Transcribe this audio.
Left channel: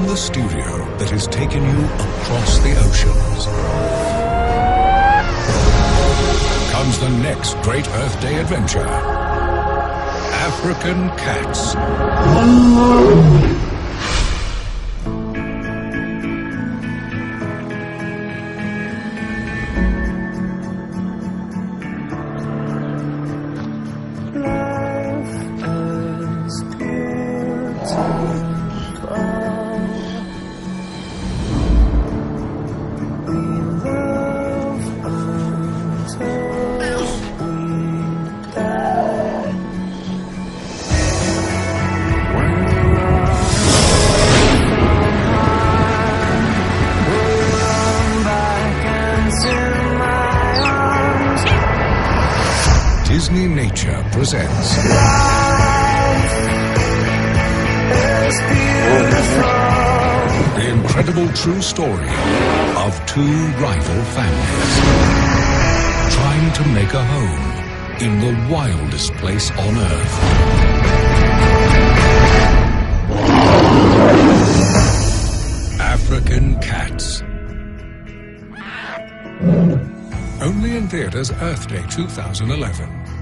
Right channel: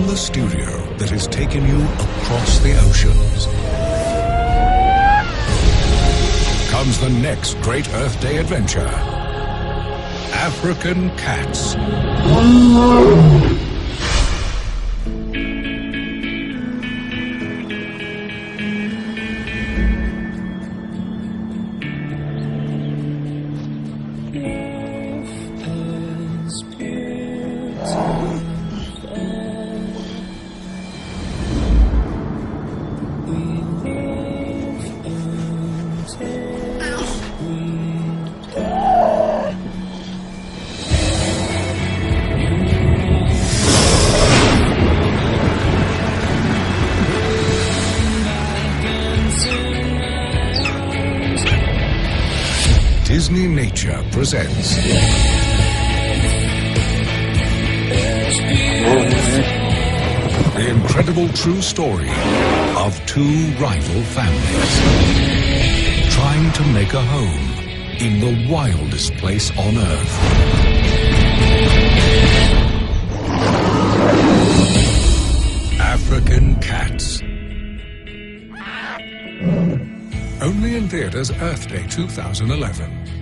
From the studio that has taken you across the oceans comes the next great Earth Day adventure. African cats. Disneynature presents the incredible true story of two rival families trying to make a home in the wildest place on Earth. African cats. Only in theaters Earth Day 2011.